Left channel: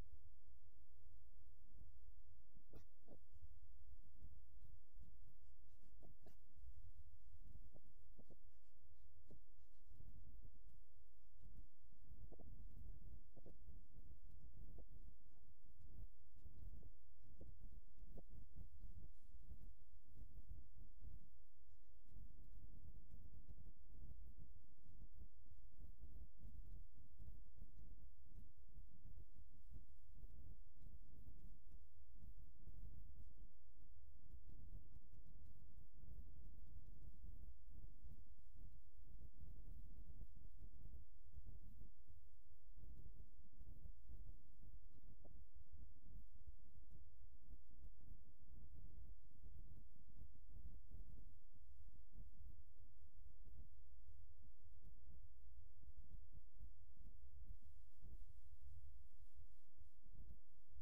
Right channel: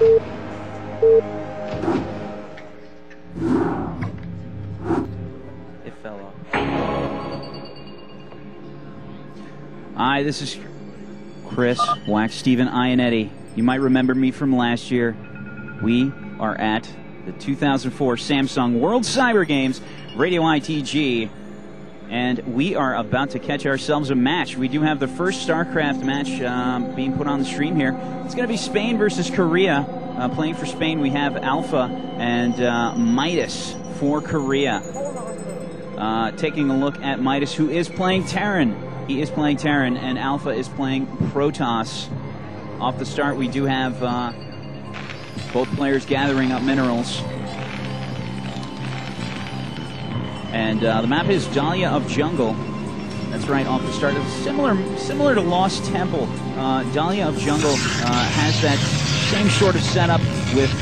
It fell off. Hi, this is Chris, Wax Steven Ionetti. You might remember me from last year. We are at the 2004 Samsung World Cyber Games, Radio ITG, and we are about to catch ourselves a match. We do have the first StarCraft match being put on the stream here. It's going to be Spain versus Korea. Playing for Spain, we have ALFA and Midas for Korea. Taking a look at Midas, who is playing Terran. He is playing Terran, and ALFA is playing Protoss. Off the start, we do have both players gathering up minerals. And the map is Dahlia of Jungle. That's right, off the start. It's similar to Lost Temple. Dahlia of Jungle has that same sort of setup with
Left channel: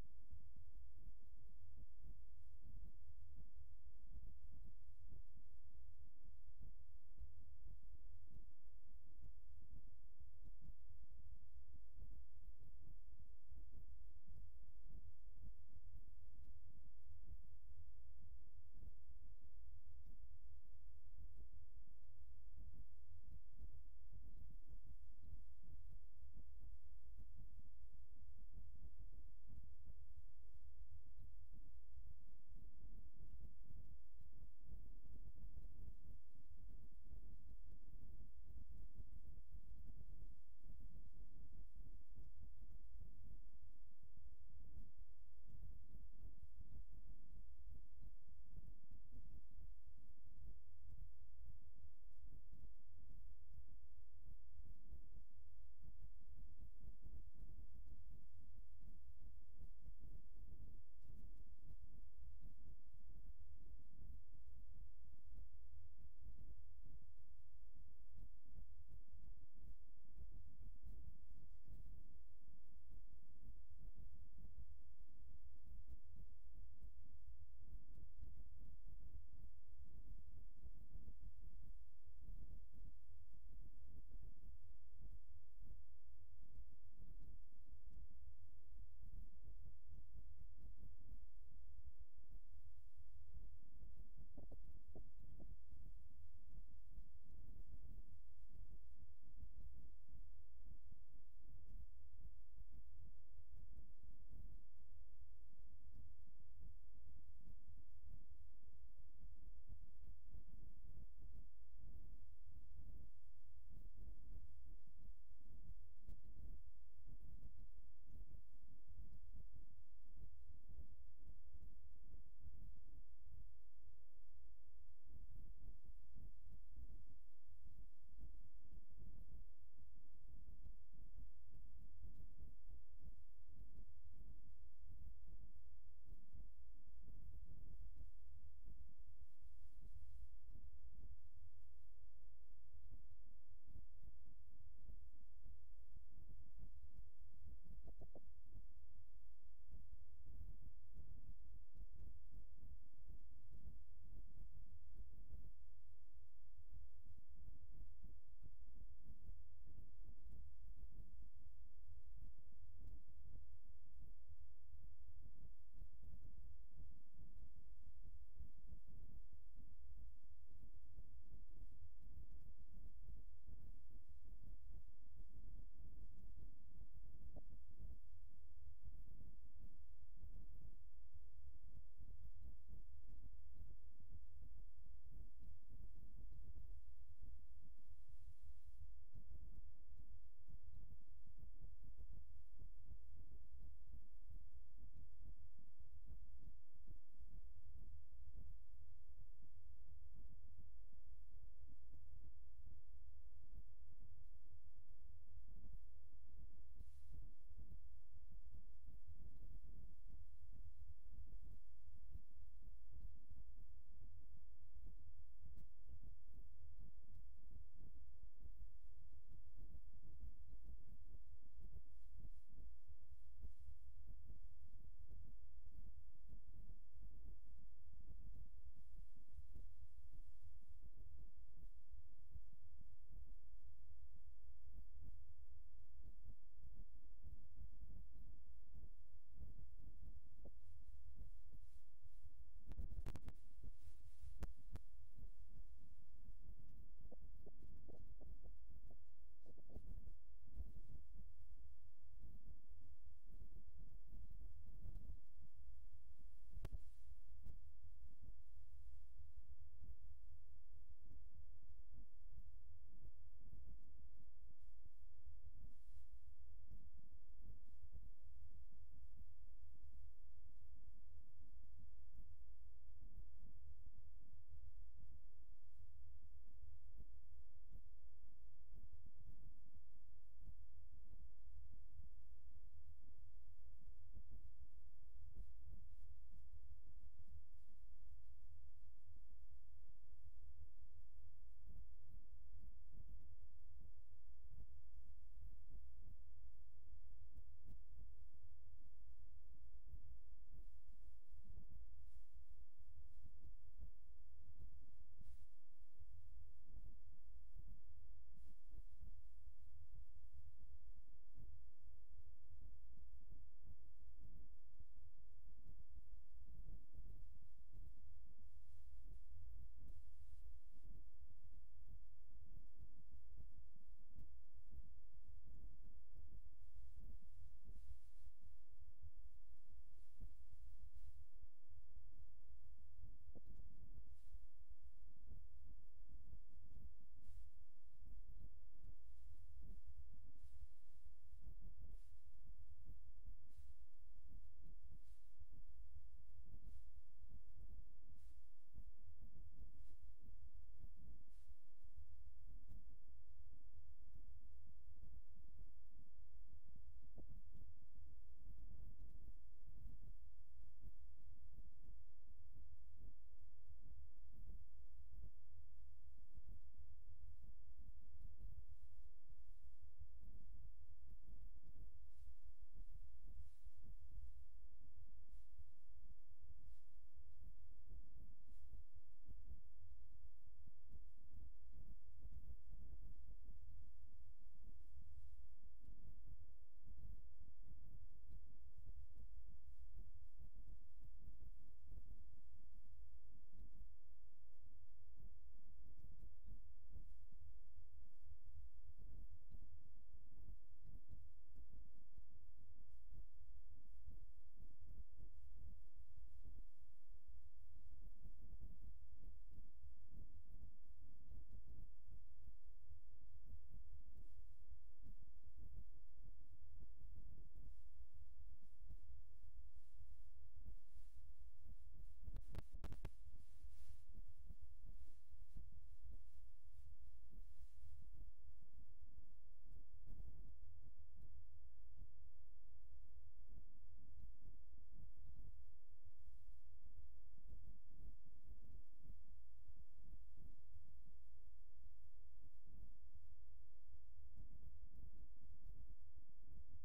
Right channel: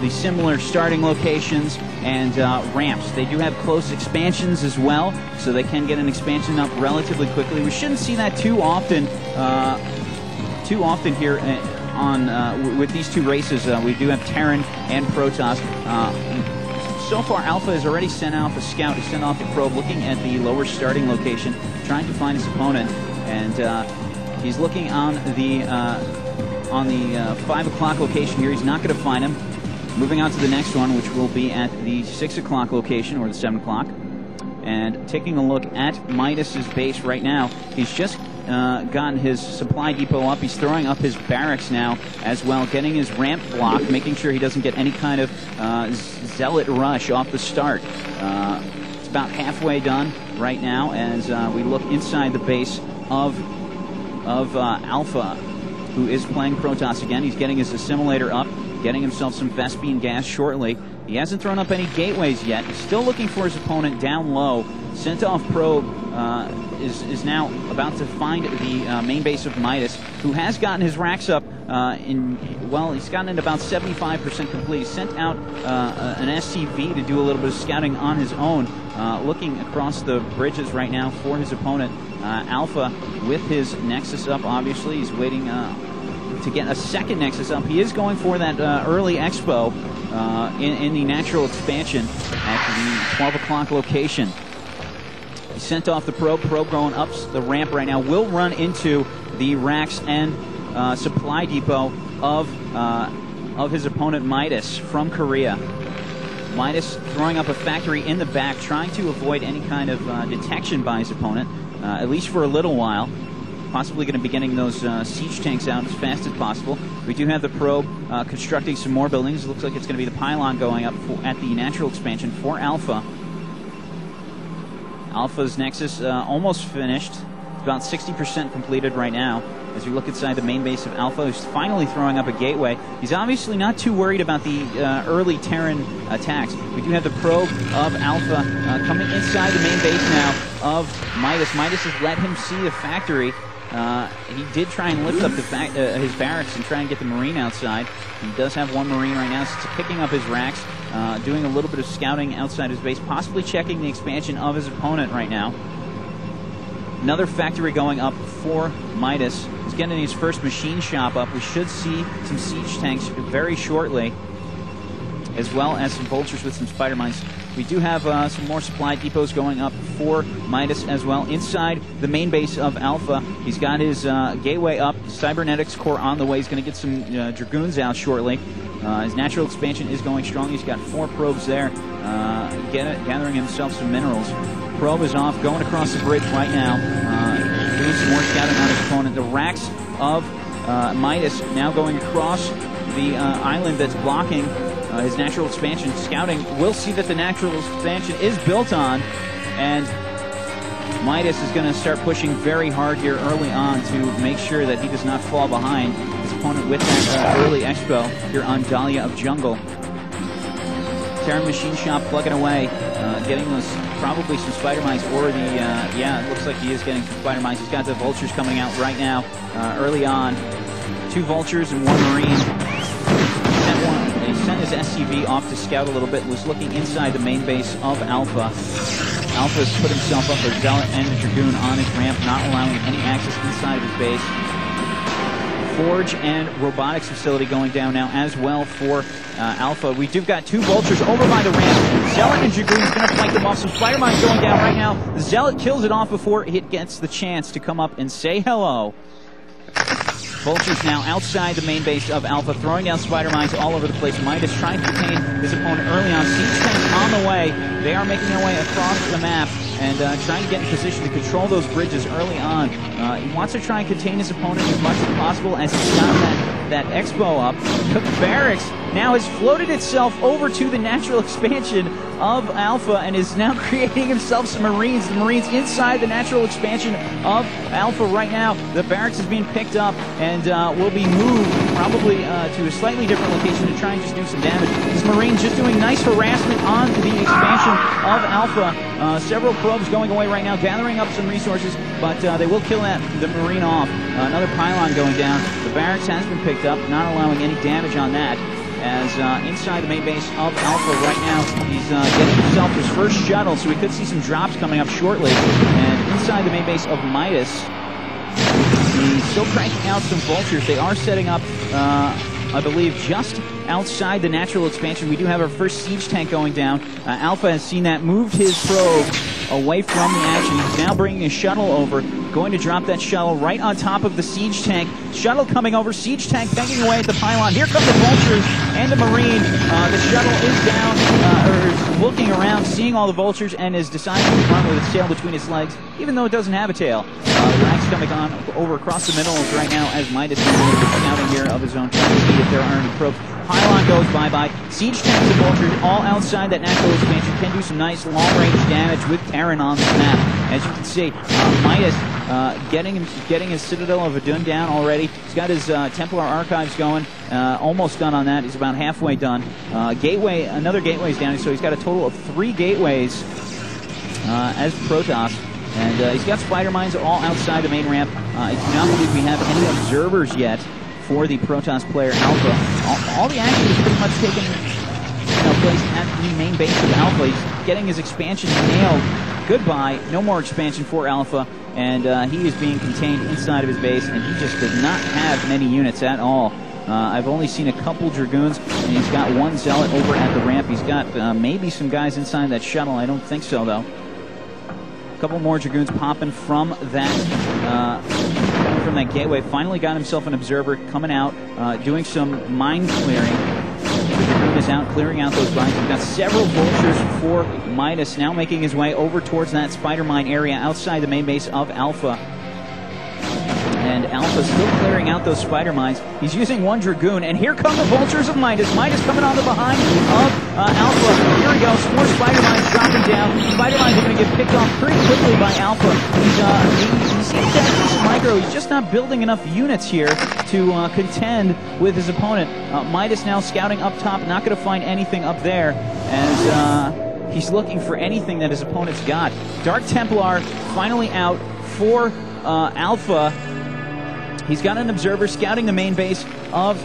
the similar starting locations and ramps. They do have close expansions as well, so they can get an expansion up relatively quickly. We shouldn't see that too often here on with these two races. We do have Terran and Protoss. So far, ALFA has already sent off a scout. He sent off a probe looking at the lower starting location, trying to find his opponent, and he's looking on the 5 o'clock location here. He's not going to find him. Moving on to the next one, which will be at the 6 o'clock location, or the 7 o'clock. And taking a look at Midas's base right now, he's just gotten his supply depot up. He's throwing up his barracks now as well, getting his ramp blocked, making sure he doesn't get any kind of zealot rush off the start. It's about halfway done right now as we look inside the base of ALFA, who is playing Protoss again. He's getting his assimilator up, getting himself some Vespene gas shortly. He hasn't thrown up any gateways yet. He's still looking for his opponent down low. Sent off probe is now about to find the main base of Midas, who has gotten his racks up he's gotten it about 75% complete. He sent out an SCV to do a little bit of scouting on his own, looking across the bridges right now for his opponent. ALFA with his Nexus up, obviously. He's waiting to get a second Nexus up. He is going for that early expo in the natural expansion at the 12 o'clock location. He sent off the probe going up the ramp right now. Will run into the racks and supply depot of his opponent Midas from Korea. Midas throwing up a factory in the back, trying to avoid any kind of detection by his opponent, at least for a little while. Possibly going to be getting those siege tanks out as fast as possible. We do have the probe constructing some more buildings. It looks like it's going to be the pylon going up at the natural expansion for ALFA. ALFA's Nexus almost finished. It's about 60% completed right now. As we look inside the main base of ALFA, who's finally throwing up a gateway. He's obviously not too worried about the early Terran attacks. We do have the probe of ALFA coming inside the main base now of Midas. Midas has let him see the factory. He did try and lift up his barracks and try and get the Marine outside. He does have one Marine right now, so picking up his racks, doing a little bit of scouting outside his base, possibly checking the expansion of his opponent right now. Another factory going up for Midas. He's getting his first machine shop up. We should see some siege tanks very shortly, as well as some vultures with some spider mines. We do have some more supply depots going up for Midas as well. Inside the main base of ALFA, he's got his gateway up, cybernetics core on the way. He's going to get some Dragoons out shortly. His natural expansion is going strong. He's got 4 probes there, gathering himself some minerals. Probe is off, going across the bridge right now, doing some more scouting on his opponent. The racks of Midas now going across the island that's blocking his natural expansion. Scouting will see that the natural expansion is built on, and Midas is going to start pushing very hard here early on to make sure that he does not fall behind his opponent with that early expo here on Dahlia of Jungle. Terran machine shop plugging away, getting those probably some spider mines, or the yeah, it looks like he is getting some spider mines. He's got the vultures coming out right now early on. 2 vultures and 1 marine. He sent his SCV off to scout a little bit, was looking inside the main base of ALFA. ALFA's put himself up a Zealot and a Dragoon on his ramp, not allowing any access inside of his base. forge and robotics facility going down now as well for Alpha. We do got 2 vultures over by the ramp. Zealot and Dragoon's going to flank them off. Some spider mines going down right now. Zealot kills it off before it gets the chance to come up and say hello. Vultures now outside the main base of Alpha, throwing down spider mines all over the place. Midas trying to contain his opponent early on. Siege tanks on the way. They are making their way across the map and trying to get in position to control those bridges early on. He wants to try and contain his opponent as much as possible as he's got that expo up. The barracks now has floated itself over to the natural expansion of Alpha and is now creating himself some Marines. The Marines inside the natural expansion of Alpha right now. The barracks is being picked up and will be moved probably to a slightly different location to try and just do some damage. These Marines just doing nice harassment on the expansion of Alpha. Several probes going away right now, gathering up some resources, but they will kill the Marine off. Another pylon going down. The barracks has been picked up, not allowing any damage on that. As inside the main base of Alpha right now, he's getting himself his first shuttle, so we could see some drops coming up shortly. And inside the main base of Midas, he's still cranking out some vultures. They are setting up, I believe, just outside the natural expansion. We do have our first siege tank going down. Alpha has seen that, moved his probe away from the action. He's now bringing a shuttle over, going to drop that shuttle right on top of the siege tank. Shuttle coming over, siege tank banging away at the pylon. Here come the vultures and the Marine. The shuttle is down, or is looking around, seeing all the vultures, and is deciding to run with its tail between its legs, even though it doesn't have a tail. The ranks coming on over across the middle right now as Midas is doing a bit scouting here of his own, trying to see if there are any probes. Pylon goes bye-bye. Siege tanks and vultures all outside that natural expansion can do some nice long-range damage with Terran on this map. As you can see, Midas getting his Citadel of Adun down already. He's got his Templar Archives going. Almost done on that. He's about halfway done. Another gateway's down, so he's got a total of 3 gateways as Protoss. And he's got spider mines all outside the main ramp. I do not believe we have any observers yet for the Protoss player Alpha. All the action is pretty much taking place at the main base of Alpha. He's getting his expansion nailed. Goodbye. No more expansion for Alpha. And he is being contained inside of his base, and he just does not have many units at all. I've only seen a couple Dragoons, and he's got 1 Zealot over at the ramp. He's got maybe some guys inside that shuttle. I don't think so, though. A couple more Dragoons popping from that gateway. Finally got himself an observer coming out, doing some mine clearing. The Dragoon is out clearing out those mines. We've got several vultures for Midas now making his way over towards that spider mine area outside the main base of Alpha. And Alpha's still clearing out those spider mines. He's using 1 Dragoon, and here come the vultures of Midas. Midas coming on the behind of Alpha. Here we go, some more spider mines dropping down. Spider mines are going to get picked off pretty quickly by Alpha. He seems to have some micro. He's just not building enough units here to contend with his opponent. Midas now scouting up top, not going to find anything up there as he's looking for anything that his opponent's got. Dark Templar finally out for Alpha. He's got an observer scouting the main base of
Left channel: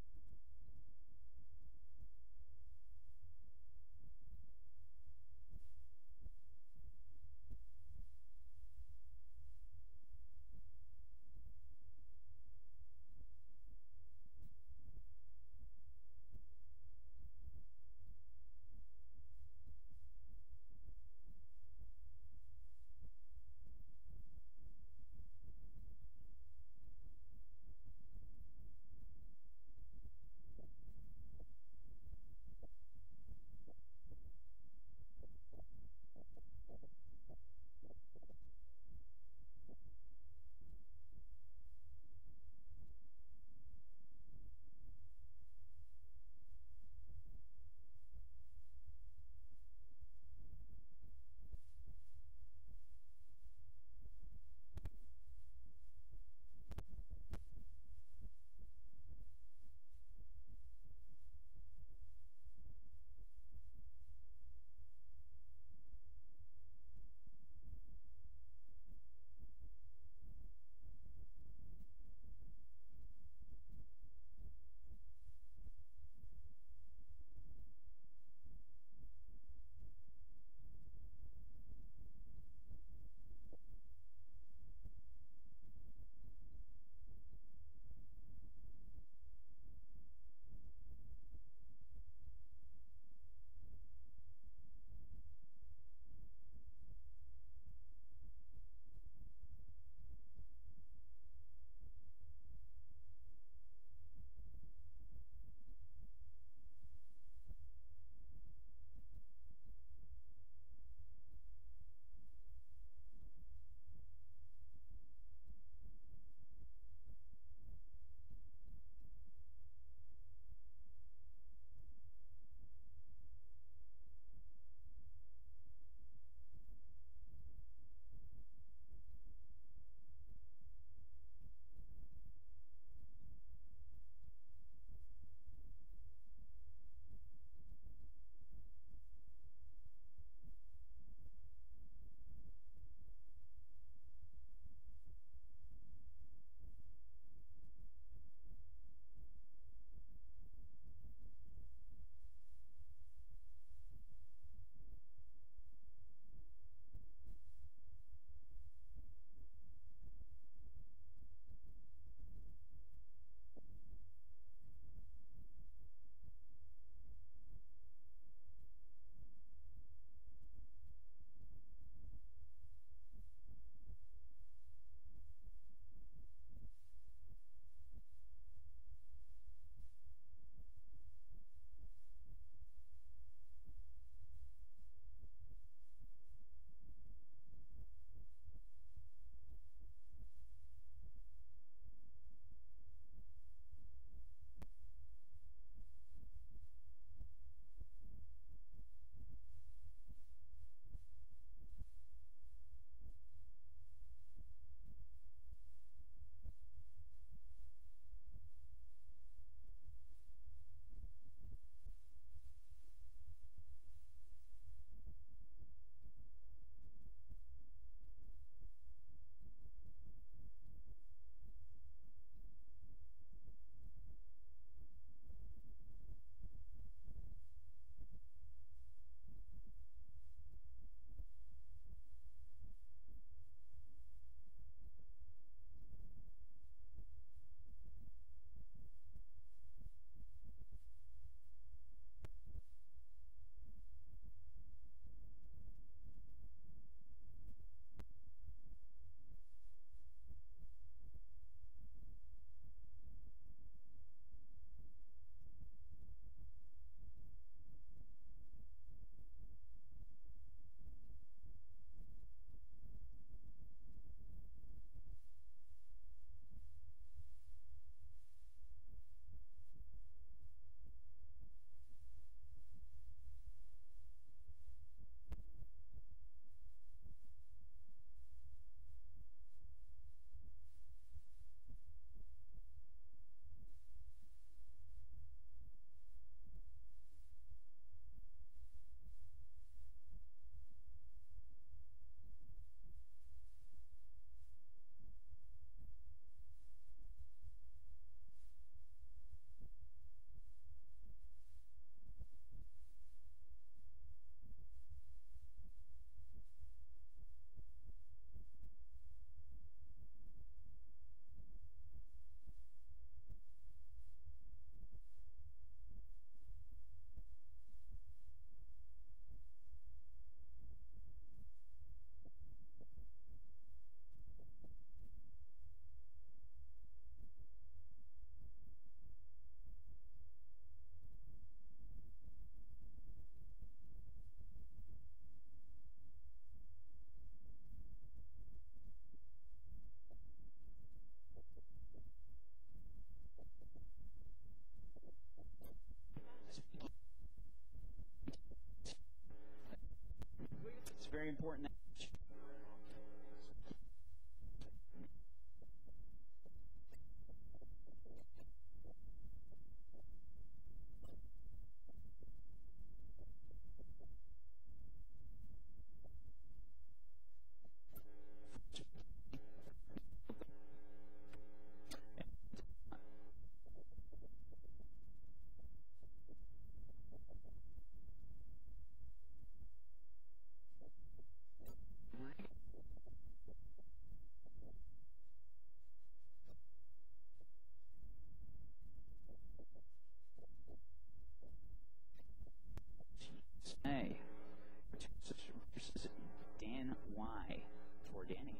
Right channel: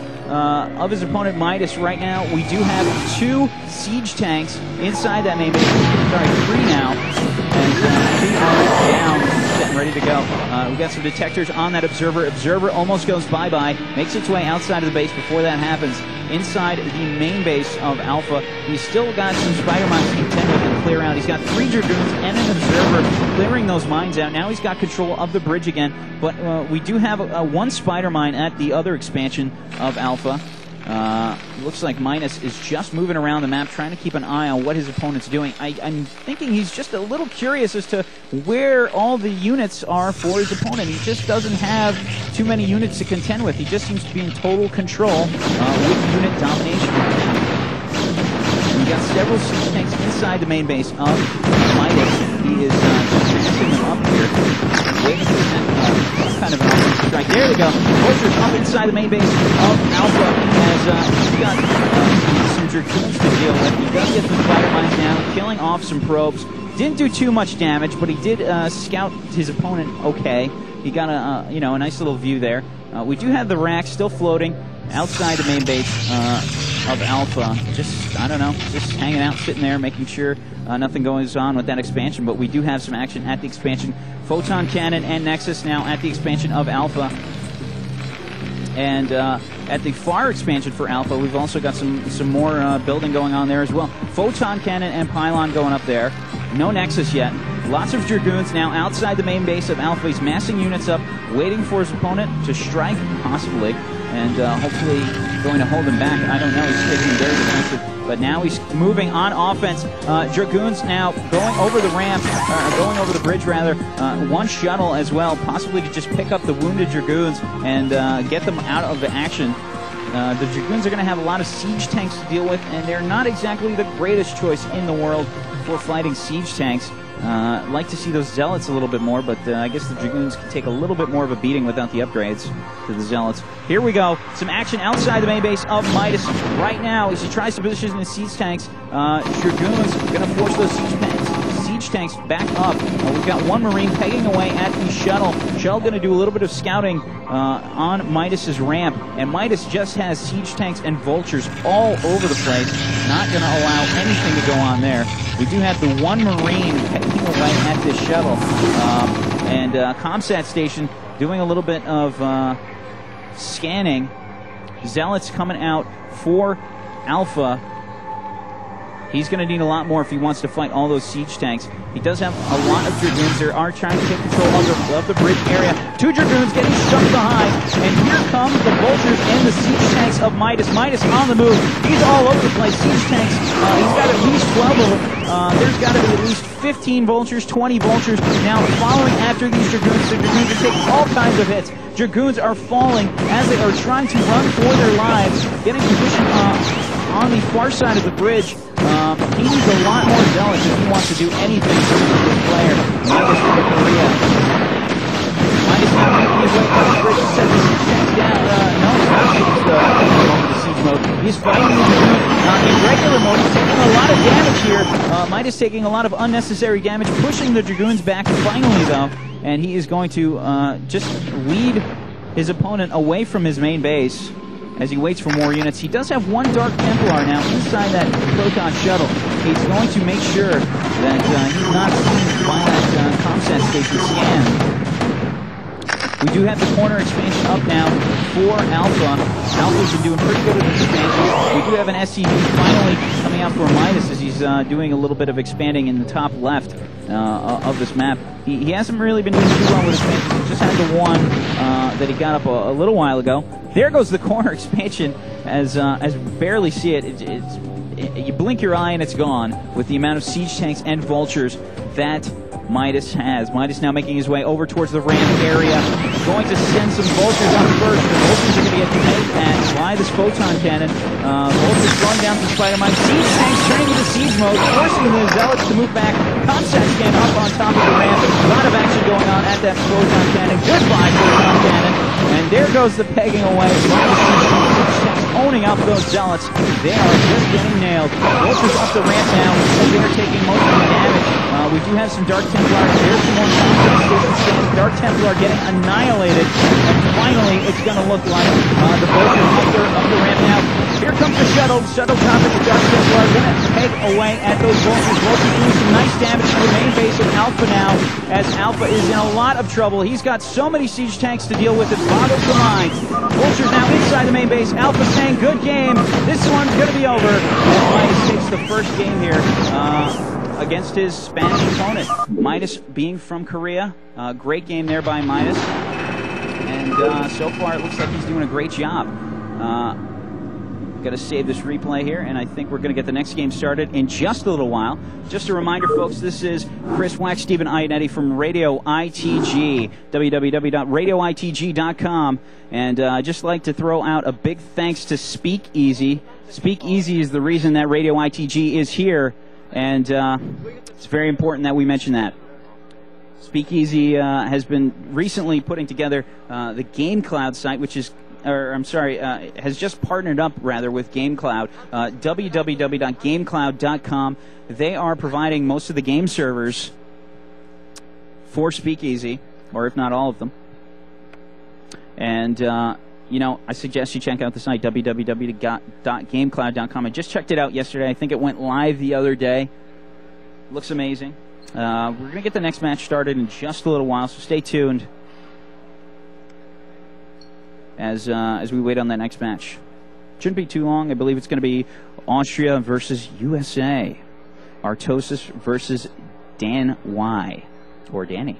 his opponent Midas right now. We do have 2 siege tanks inside that main base. Sorry, 3 now. And 2 are down, set, ready to go. We got some detectors on that observer. Observer almost goes bye-bye, makes its way outside of the base before that happens. Inside the main base of Alpha, he's still got some spider mines to contend with and clear out. He's got 3 Dragoons and an observer clearing those mines out. Now he's got control of the bridge again, but we do have 1 spider mine at the other expansion of Alpha. Looks like Midas is just moving around the map, trying to keep an eye on what his opponent's doing. I'm thinking he's just a little curious as to where all the units are for his opponent. He just doesn't have too many units to contend with. He just seems to be in total control with unit domination right now. We've got several siege tanks inside the main base of Midas. He is just them up here, waiting for some kind of an strike. There they go. Vultures up inside the main base of Alpha as he's got some Dragoons to deal with. He does get some spider mines now, killing off some probes. Didn't do too much damage, but he did scout his opponent okay. He got a nice little view there. We do have the racks still floating outside the main base of Alpha. Just, I don't know, just hanging out, sitting there, making sure nothing goes on with that expansion. But we do have some action at the expansion. Photon Cannon and Nexus now at the expansion of Alpha. And at the far expansion for Alpha, we've also got some more building going on there as well. Photon cannon and pylon going up there. No Nexus yet. Lots of Dragoons now outside the main base of Alpha. He's massing units up, waiting for his opponent to strike, possibly, and hopefully going to hold him back. I don't know. He's taking very defensive. But now he's moving on offense. Dragoons now going over the ramp, going over the bridge rather. One shuttle as well, possibly to just pick up the wounded Dragoons and get them out of the action. The Dragoons are going to have a lot of siege tanks to deal with, and they're not exactly the greatest choice in the world for fighting siege tanks. Like to see those Zealots a little bit more, but I guess the Dragoons can take a little bit more of a beating without the upgrades to the Zealots. Here we go. Some action outside the main base of Midas right now as he tries to position his siege tanks. Dragoons going to force those siege tanks back up. We've got one Marine pegging away at the shuttle. Shell going to do a little bit of scouting on Midas's ramp, and Midas just has siege tanks and vultures all over the place. Not going to allow anything to go on there. We do have the one Marine pegging away at this shuttle, and Comsat station doing a little bit of scanning. Zealots coming out for Alpha. He's going to need a lot more if he wants to fight all those siege tanks. He does have a lot of Dragoons. They are trying to take control of the bridge area. Two Dragoons getting stuck behind. And here come the vultures and the siege tanks of Midas. Midas on the move. He's all over the place. Siege tanks, he's got at least 12 of them. There's got to be at least 15 vultures, 20 vultures. Now following after these Dragoons. The Dragoons are taking all kinds of hits. Dragoons are falling as they are trying to run for their lives. Getting position on the far side of the bridge. He needs a lot more Zealots if he wants to do anything to this player. Midas from Korea. Midas now making his way up the bridge. Set the siege tanks down. No, he's not going to siege mode. He's fighting the Dragoon in regular mode. He's taking a lot of damage here. Midas taking a lot of unnecessary damage, pushing the Dragoons back finally, though. And he is going to just lead his opponent away from his main base as he waits for more units. He does have one Dark Templar now inside that Proton shuttle. He's going to make sure that he's not seen by that Comsat station scan. We do have the corner expansion up now for Alpha. Alpha's been doing pretty good with the expansion. We do have an SCV finally coming out for Midas as he's doing a little bit of expanding in the top left of this map. He hasn't really been doing too well with expansion. He just had the one that he got up a little while ago. There goes the corner expansion as barely see it. You blink your eye and it's gone with the amount of siege tanks and vultures that Midas has. Midas now making his way over towards the ramp area. Going to send some vultures out first. The vultures are going to get pegged at by this photon cannon. Vultures slowing down some spider mines. Siege tanks turning into siege mode, forcing the Zealots to move back. Comsat scan up on top of the ramp. A lot of action going on at that photon cannon. Goodbye, photon cannon. And there goes the pegging away. Owning up those Zealots. They are just getting nailed. Vultures off the ramp now. They are taking most of the damage. We do have some Dark Templars. There's some more Comsat stations. Dark Templar getting annihilated. And finally, it's going to look like the Vultures up the ramp now. Here comes the shuttle. Shuttle dropping the Dark Templar. Going to peg away at those Vultures. Vultures doing some nice damage to the main base of Alpha now, as Alpha is in a lot of trouble. He's got so many siege tanks to deal with, it boggles the mind. Vultures now inside the main base. Alpha saying, good game. This one's going to be over. And Midas takes the first game here against his Spanish opponent. Midas being from Korea. Great game there by Midas. And so far it looks like he's doing a great job. Got to save this replay here, and I think we're going to get the next game started in just a little while. Just a reminder, folks, this is Chris Wax, Stephen Ionetti from Radio ITG, www.radioitg.com. And I'd just like to throw out a big thanks to Speakeasy. Speakeasy is the reason that Radio ITG is here, and it's very important that we mention that. Speakeasy has been recently putting together the GameCloud site, which is has just partnered up, rather, with GameCloud, www.gamecloud.com. They are providing most of the game servers for Speakeasy, or if not all of them. And, you know, I suggest you check out the site, www.gamecloud.com. I just checked it out yesterday. I think it went live the other day. Looks amazing. We're going to get the next match started in just a little while, so stay tuned. as we wait on that next match. Shouldn't be too long. I believe it's going to be Austria versus USA. Artosis versus Dan Y. Or Danny.